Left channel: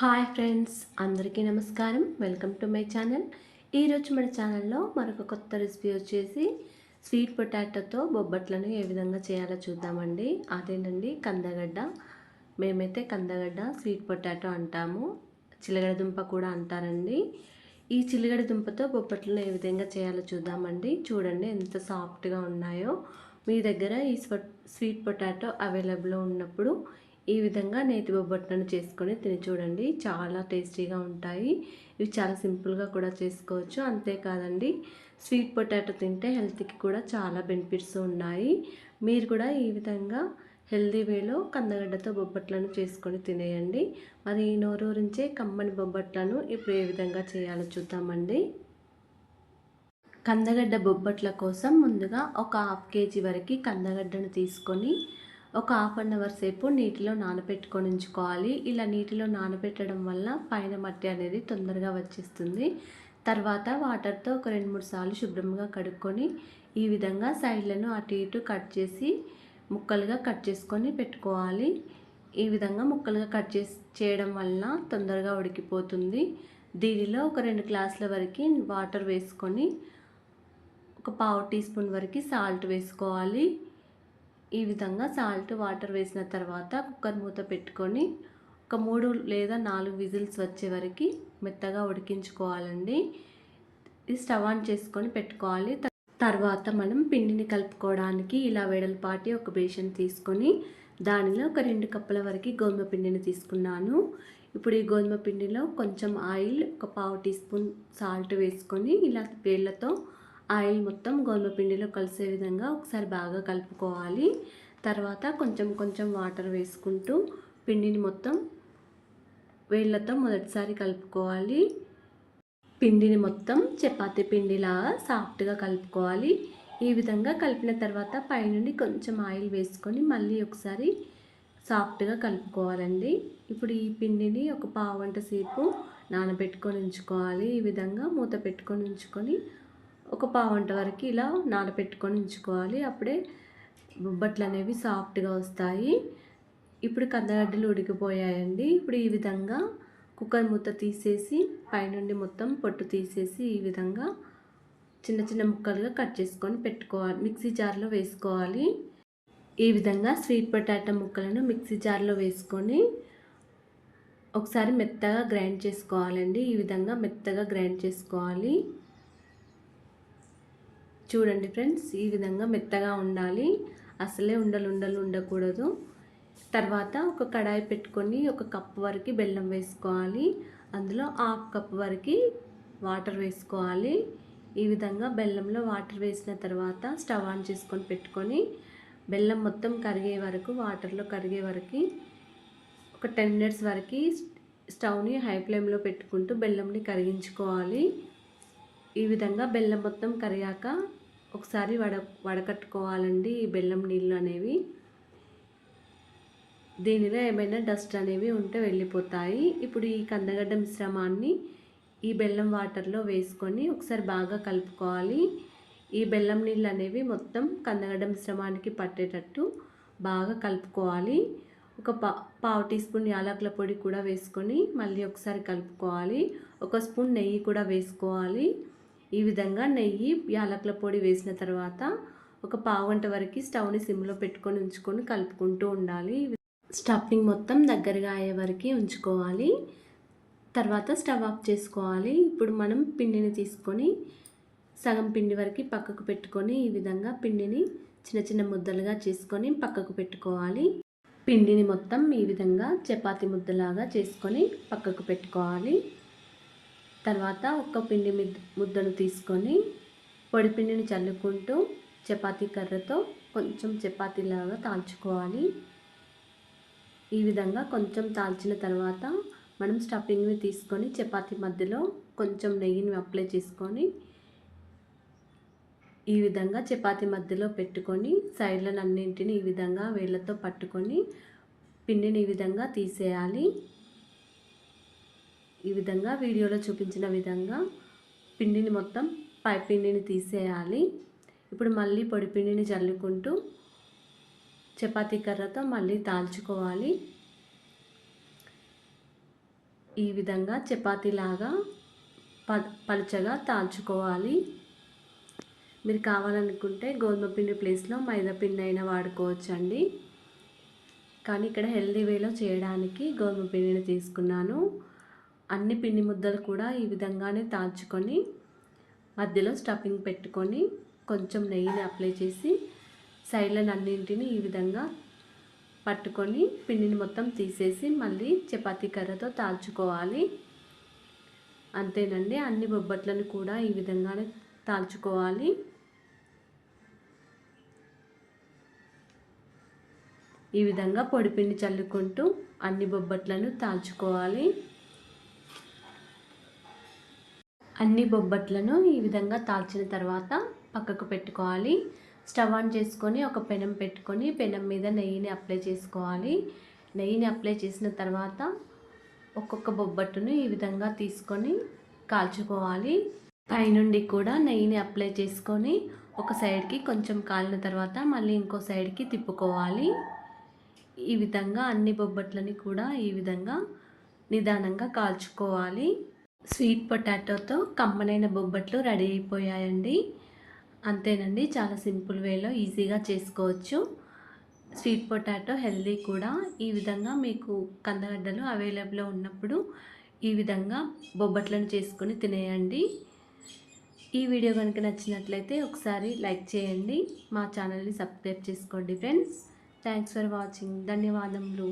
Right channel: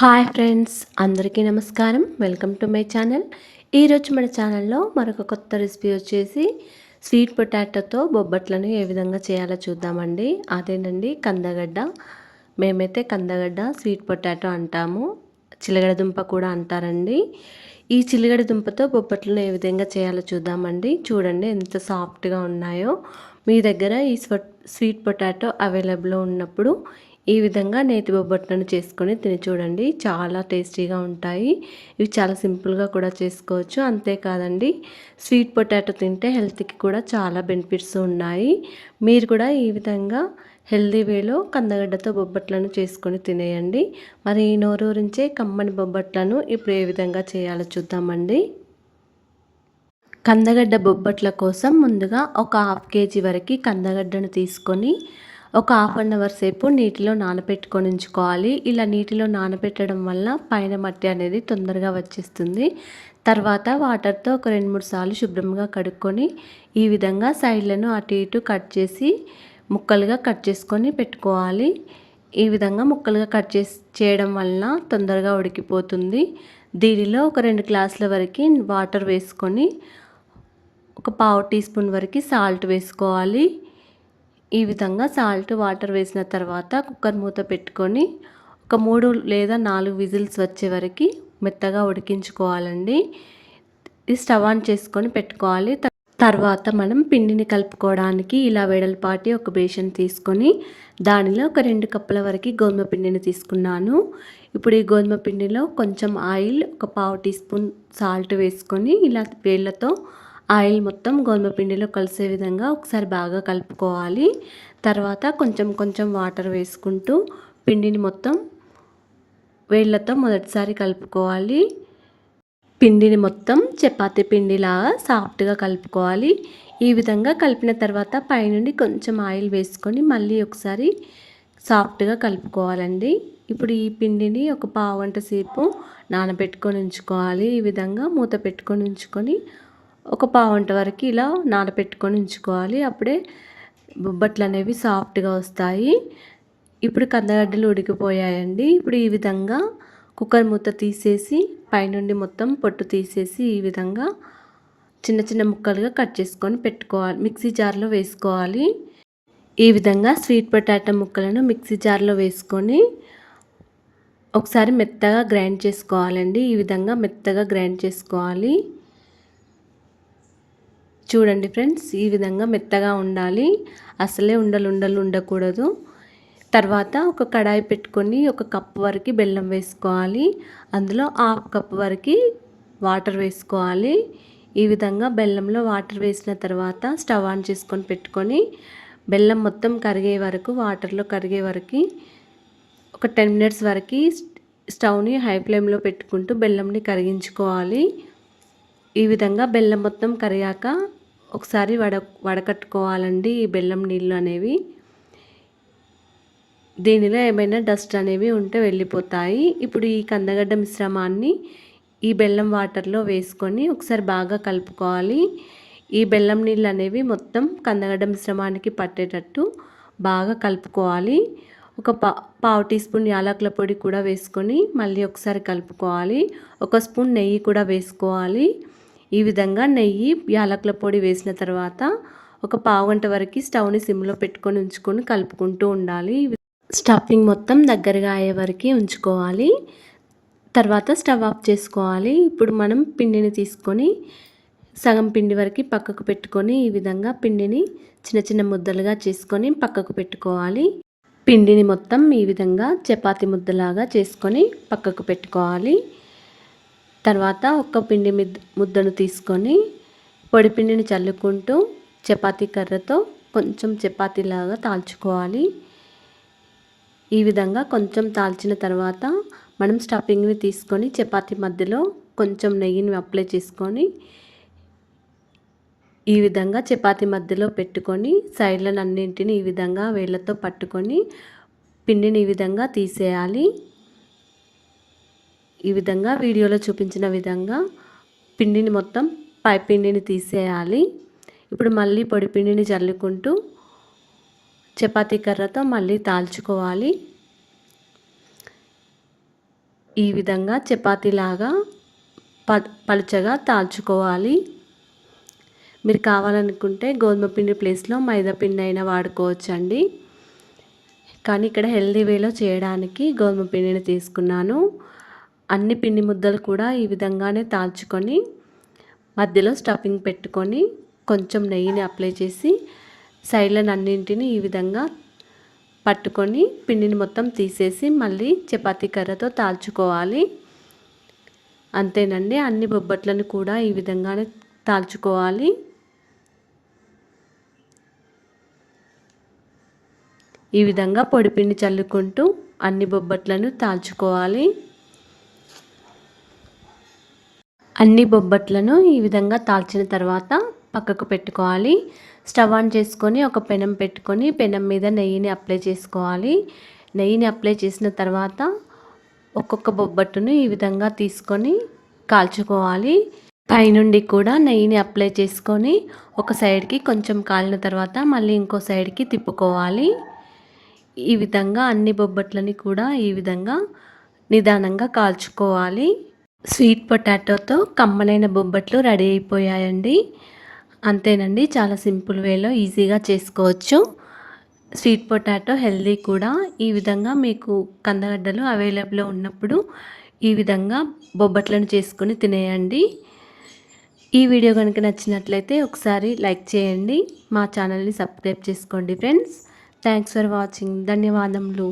Hi friends అందరికీ నమస్కారం. Welcome to my channel. ఈరోజు మన ఛానల్లో మరొక కొత్త రెసిపీ వచ్చేసి స్వీట్ పొటాటోతో బొబ్బట్లను ఏ విధంగా చేయాలో చూద్దామండి. అదేనండి కందగడ్డ. మేమైతే కందగడ్డ స్వీట్ పొటాటో అంటాము. చిలగడ దుంప కూడా అంటారండి. ఈ చిలగడ దుంపతో బొబ్బట్లను ఏ విధంగా చేయాలో చూద్దామండి. చూడండి ఎంత సాఫ్ట్గా ఉన్నాయో. మీ దగ్గర ఈ స్వీట్ పొటాటో అవైలబుల్ ఉన్నప్పుడు ఈ విధంగా నేతి బొబ్బట్లను చేసుకొని తిని చూడండి. చాలా టేస్టీగా ఉంటాయి. ఇవి చాలా సింపుల్గా కూడా చేసుకోవచ్చు. అంతేకాదండి స్వీట్ పొటాటో తింటే హెల్త్కి కూడా చాలా బెనిఫిట్స్ ఉన్నాయి. మీరు కూడా ఈ విధంగా హెల్దీ వేలో కందగడ్డతో బొబ్బట్లను చేసుకొని తినేయండి. మరి ఈ నోరూరించే కమ్మని బొబ్బట్లను ఇప్పుడు ఏ విధంగా చేయాలో చూద్దామండి. కందగడ్డ బొబ్బట్ల కోసం ముందుగా ఒక హాఫ్ కేజీ వరకు కందగడ్డను తీసుకొని ఒక హాఫ్ అన్ అవర్ సేపు నీటిలో నానబెట్టుకొని ఉంచుకోవాలి. ఇలా నీటిలో నానబెట్టడం వల్ల పైన మట్టి అనేది తొందరగా వచ్చేస్తుంది. తర్వాత వాటర్తో ఒక రెండు మూడు సార్లు శుభ్రంగా కడుక్కొని ఈ విధంగా సైడ్లను అటు ఇటు కట్ చేసి ముక్కలుగా కట్ చేసుకొని పెట్టుకోవాలి. ఈ విధంగా ముక్కలుగా కట్ చేసి చేయడం వలన తొందరగా ఉడికిపోతుంది. దీనిలో ఒక రెండు గ్లాసుల వరకు వాటర్ వేసుకొని ఒక పావు టీ స్పూన్ వరకు సాల్ట్ వేసుకోవాలి. ఈ విధంగా సాల్ట్ వాటర్ వేసిన తర్వాత కుక్కర్ మూత పెట్టుకొని ఒక మూడు లేదా నాలుగు విజిల్స్ వచ్చే వరకు మెత్తగా ఉడికించుకోవాలండి. ఇది స్టవ్ ఆన్ చేసుకొని పెట్టుకోవాలి. తర్వాత మనం పిండిని కలుపుకోవడానికి ఇలా వెడల్పాటి ఒక బేషన్ తీసుకొని దానిలో ఒక రెండు కప్పుల వరకు గోధుమ పిండిని తీసుకున్నాను. ఇప్పుడు ఈ గోధుమ పిండిలో కొంచెం ఆయిల్ ఒక పావు టీ స్పూన్ సాల్ట్ వేసుకొని ఇలా వేళ్ళతో ఆయిల్ మొత్తం గోధుమ పిండిలో కలిసే విధంగా ఒకసారి బాగా కలుపుకోవాలి. తర్వాత కొంచెం కొంచెం వాటర్ వేసుకుంటూ పిండిని మొత్తం వేళ్ళతో మొదటిసారి కలుపుకోవాలి. పిండిని మొత్తం చపాతీ పిండిలాగా సాఫ్ట్గా కలుపుకోవాలి. ఈ విధంగా కలిపిన తర్వాత పైనుండి కొంచెం ఆయిల్ వేసుకొని మళ్ళీ ఒకసారి సాఫ్ట్గా కలుపుకోవాలండి. ఇప్పుడు ఈ పిండిని ఒక పావు గంట సేపు నానబెట్టుకొని ఉంచుకోవాలి. ఈ విధంగా మూత పెట్టుకొని ఉంచుకొని ఒక పావుంట వరకు ఇలా నానబెట్టుకొని ఉంచుకోవాలి. అప్పుడే బొబ్బట్లు అనేవి సాఫ్ట్గా వస్తాయి. ఇప్పుడు కందగడ్డలు ఉడికిపోయాయండి. ఇప్పుడు ఈ విధంగా కుక్కర్ మూత తీసేసి పైనుండి మొత్తం పొట్టు తీసేసి ఈ విధంగా చిన్న చిన్న ముక్కలుగా కట్ చేసుకొని పెట్టుకోవాలి. మిక్సీ జార్లో వేసుకోవాలి. ఈ విధంగా స్వీట్ పొటాటో ముక్కలను మిక్సీ జార్లో వేసుకొని ఒకసారి మెత్తగా గ్రైండ్ చేసుకోవాలండి. ఈ విధంగా మెత్తగా గ్రైండ్ చేసుకోవాలి. చూడండి ఫ్రెండ్స్ ఈ విధంగా మెత్తగా ఉండాలి. అసలే ఉండలు ఉండలు ఉండకూడదు. తర్వాత ఒక కడాయి పెట్టుకొని ఒక కప్పు వరకు బెల్లం వేసుకోవాలి. అందులో హాఫ్ కప్ వరకు వాటర్ వేసుకోవాలి. ఈ విధంగా బెల్లంలో వాటర్ వేసిన తర్వాత స్టవ్ ఆన్ చేసుకొని పెట్టుకొని బెల్లం మొత్తం కరిగే వరకు వాటర్లో కరిగే వరకు ఒక టెన్ మినిట్స్ వరకు స్టవ్ని హై ఫ్లేమ్లో పెట్టుకుంటూ బెల్లంని కరిగించుకోవాలి. ఈ విధంగా బెల్లం మొత్తం కరిగాక ఒకసారి వడ వడకట్టుకోవాలండి ఈ బెల్లం నీళ్ళు అనేవి. దీనిలో ఏమైనా డస్ట్ అనేవి ఉంటే వెళ్ళిపోతాయి. ఇప్పుడు ఈ కందగడ్డ మిశ్రమాన్ని ఈ బెల్లం వాటర్లో వేసుకొని ఒకసారి బాగా కలుపుకోవాలి. ఈ బెల్లం నీళ్ళు అనేవి మొత్తం కందగడ్డ మిశ్రమానికి పట్టేటట్టు బాగా కలుపుకోవాలి. ఒక పా పావు టీ స్పూన్ యాలకుల పొడి కూడా వేసుకొని మళ్ళీ ఒకసారి కలుపుకోవాలి. ఒక స్పూన్ నెయ్యి కూడా వేసుకోవాలి. ఈ విధంగా నెయ్యి యాలకుల పొడి వేసిన తర్వాత ఒక పావు గంట వరకు స్టవ్ని సిమ్లో పెట్టుకొని ఉంచుకొని కలుపుకుంటూ ఉండాలి. స్టఫింగ్ మొత్తం దగ్గరగా అయ్యే వరకు ఉంచుకోవాలి. తర్వాత స్టవ్ ఆఫ్ చేసుకోవాలి. ఇప్పుడు మనం పిండిని తీసుకొని సగం పిండి వరకు పక్కకు పెట్టుకొని ఈ విధంగా పిండిని చిన్న చిన్న ముద్దలుగా చేసుకొని పక్కకు పెట్టుకోవాలి. పిండిని మొత్తం ఈ విధంగా చపాతి ముద్దలాగా చేసుకొని పక్కకు పెట్టుకోవాలి. తర్వాత ఒక పిండి ముద్దను తీసుకొని పొడి పిండిని చల్లుకుంటూ చపాతీ కర్రతో కొంచెం చపాతీలాగా తాల్చుకోవాలి. ఈ విధంగా కొంచెం తాల్చిన తర్వాత మనం స్టఫింగ్ని తీసుకొని చపాతీ మధ్యలో కొంచెం నెయ్యిని అప్లై చేసుకొని ఈ విధంగా చపాతీ మధ్యలో పెట్టుకొని సైడ్లను అన్నింటిని ఈ విధంగా వేళ్ళతో పట్టుకొని పిండిని ఈ విధంగా తీసేయాలి. ఈ విధంగా వీడియోలో చూపించిన విధంగా పిండిని మొత్తం పై పిండిని తీసేయాలి. ఇప్పుడు మళ్ళీ పొడి పిండిని చల్లుకుంటూ చపాతీ కర్రతో మళ్ళీ తాల్చుకోవాలి. ఈ విధంగా చపాతీలాగా ప పలుచగా తాల్చుకోవాలి. మీరు కావాలనుకుంటే గోధుమ పిండి ప్లేస్లో మైదా పిండి అయినా వాడుకోవచ్చండి. కానీ ఇక్కడ హెల్దీ వేలో చేయడానికి గోధుమ పిండిని తీసుకున్నాను. అన్ని పిండి ముద్దలు కూడా ఈ విధంగానే తాల్చుకొని మధ్యలో స్టఫింగ్ పెట్టుకొని కొంచెం నెయ్యిని అప్లై చేసి సైడ్లను అన్నింటిని ఈ విధంగా పట్టుకొని పిండిని మొత్తం తీసేసి మళ్ళీ చపాతీ కర్రతో తాల్చుకోవాలి. అంతేనండి అన్ని బొబ్బట్లను కూడా ఈ విధంగానే తాల్చుకోవాలి. ఈ విధంగా పొడిపిండి చల్లుకుంటూ అన్ని బొబ్బట్లను తాల్చుకోవాలి. అన్ని బొబ్బట్లను ఈ విధంగా తాల్చిన తర్వాత పక్కకు పెట్టుకోవాలి. స్టవ్ ఆన్ చేసుకొని ఒక పెనం పెట్టుకొని పెనం మీద నెయ్యిని అప్లై చేసుకోవాలి. నెయ్యిని అప్లై చేసిన తర్వాత ఒక్కొక్క బొబ్బట్టును ఈ విధంగా తీసుకొని కాల్చుకోవాలి. పైనుండి కూడా నెయ్యిని అప్లై చేసుకొని ఒక సైడ్కి కొంచెం కాలిన తర్వాత మళ్ళీ ఇంకో సైడ్కి తిప్పుకోవాలి. ఈ విధంగా అన్ని బొబ్బట్లని కూడా ఈ విధంగా నిదానంగా కాల్చుకోవాలి. స్వీట్ పొటాటోతో కమ్మనైన బొబ్బట్లు రెడీ అయిపోయాయండి. అంతేనండి చాలా సింపుల్ వేలో ఈజీగా చేసుకోవచ్చు. స్వీట్ పొటాటో హెల్దీ కూడా. ఈ విధంగా మీకు కందగడ్డలు అవైలబుల్ ఉన్నప్పుడు ఈ విధంగా బొబ్బట్లను చేసుకొని తినేయండి. ఈ వీడియో కనుక నచ్చినట్లయితే ఒకసారి లైక్ చేయండి. మా ఛానల్ని సబ్స్క్రైబ్ చేసుకోండి ఫ్రెండ్స్. Thanks for watching. ధన్యవాదములు.